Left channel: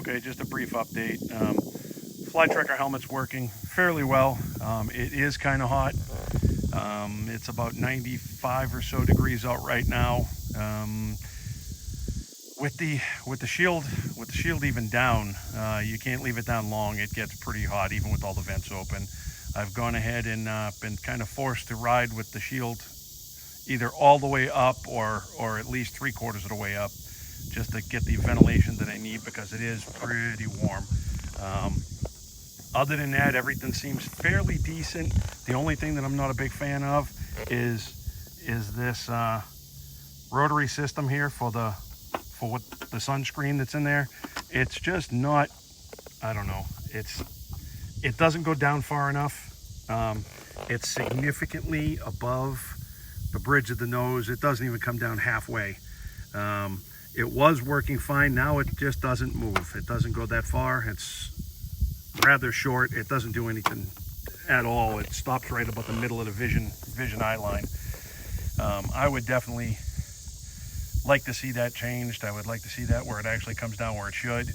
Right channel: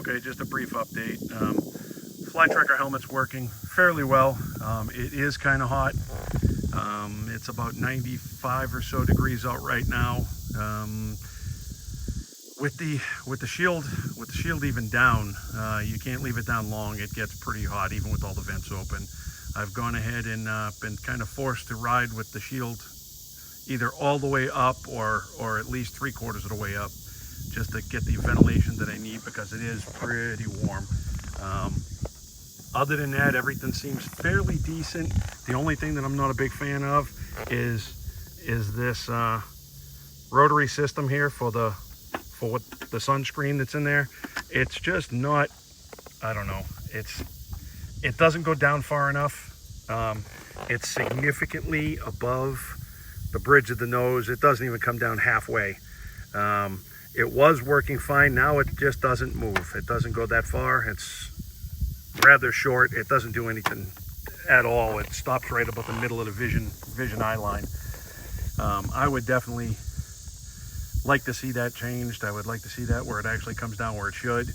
Okay, just a brief update. Fly tracker helmet's working fairly well. It is kind of hot. It's about 95 or so degrees out right now. With the shield even down, you can't leave it down long. It gets pretty hot even with all the vents open. I've gone ahead and been kind of forced to ride with the shield either all the way up or at least 3/4 of the way up, just to get the ventilation that I need, because it is pretty warm. Other than that, everything seems fairly decent. The only thing that I'm not a big fan of is this rotary system here for what the sunscreen that's in there. It's just not, I don't know, it doesn't go down far enough. It's significantly above the bridge of the nose. It doesn't even come down halfway. It was working fine. Now it just doesn't move. It doesn't go that far. It's rather short. It doesn't do anything at all. It stops right about the middle of the vision eye line. I would definitely like to see that changed. I would like to see that where it actually comes down where it should.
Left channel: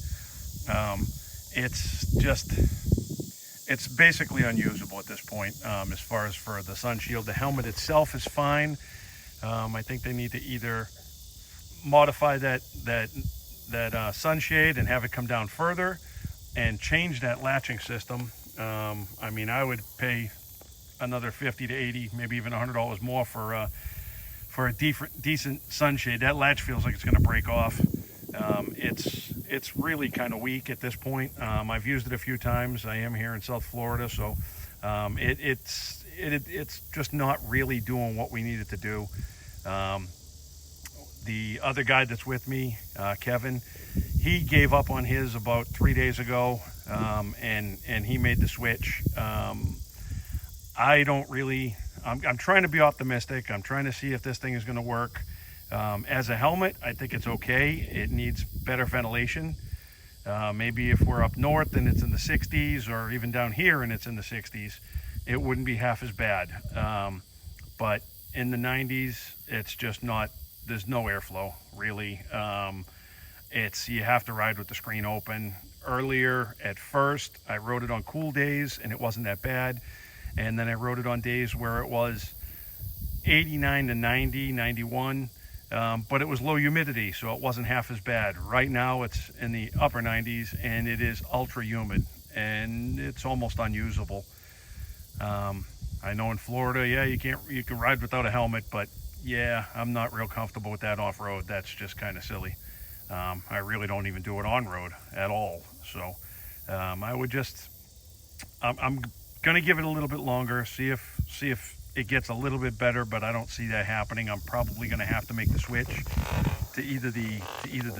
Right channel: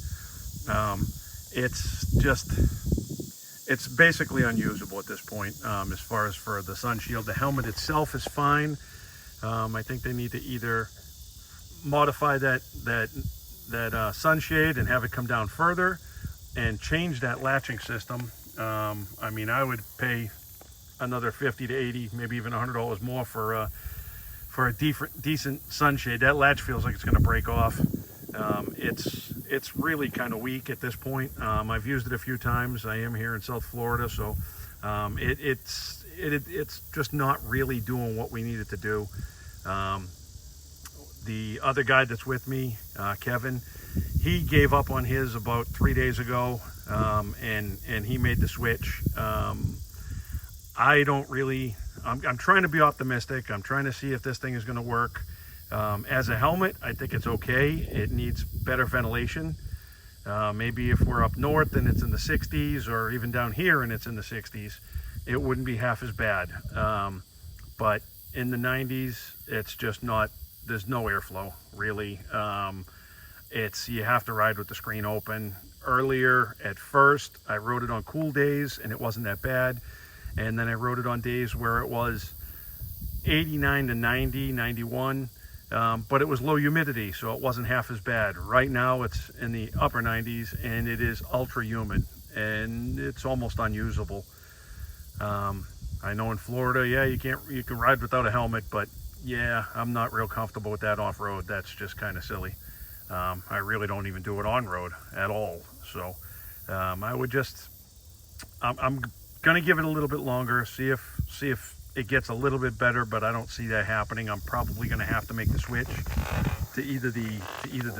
It's basically unusable at this point, as far as for the sun shield. The helmet itself is fine. I think they need to either modify that sunshade and have it come down further, and change that latching system. I mean, I would pay another 50 to 80, maybe even $100 more for a decent sunshade. That latch feels like it's going to break off. It's really kind of weak at this point. I've used it a few times. I am here in South Florida, so it's just not really doing what we need it to do. The other guy that's with me, Kevin, he gave up on his about 3 days ago, and he made the switch. I don't really, I'm trying to be optimistic. I'm trying to see if this thing is going to work. As a helmet, I think it's okay. It needs better ventilation. Maybe if we're up north and it's in the 60s, or even down here and it's in the 60s, it wouldn't be half as bad. But in the 90s, it's just not, there's no airflow really. You have to ride with the screen open. Earlier, at first, I rode it on cool days and it wasn't that bad. And then I rode it on days where it was 89 to 90, 91, but it was low humidity, so it wasn't half as bad. Right now, it's in the upper 90s and it is ultra humid and it's almost unusable. I know in Florida, yeah, you can ride without a helmet, but yeah, I'm not real comfortable with that off-road. That's just kind of silly. I really don't even do it on-road at all. So I'm gonna give it a little bit longer, see if it gets a little bit better, but I don't see that happening. I'm probably gonna have to make the switch to either the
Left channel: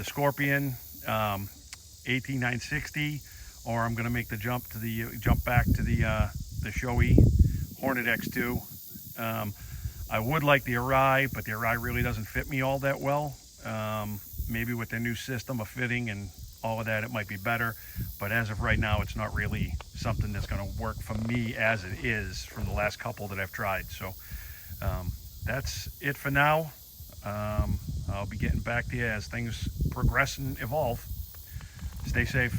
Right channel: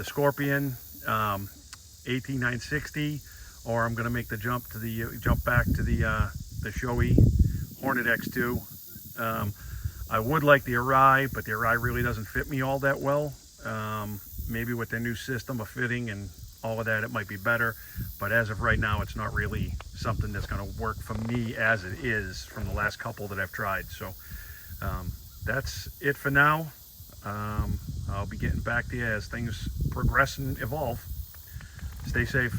Scorpion 18960, or I'm gonna make the jump back to the Shoei Hornet X2. I would like the Arai, but the Arai really doesn't fit me all that well. Maybe with their new system of fitting and all of that, it might be better. But as of right now, it's not really something that's going to work for me as it is from the last couple that I've tried. So that's it for now. I'll be getting back to you as things progress and evolve. Stay safe.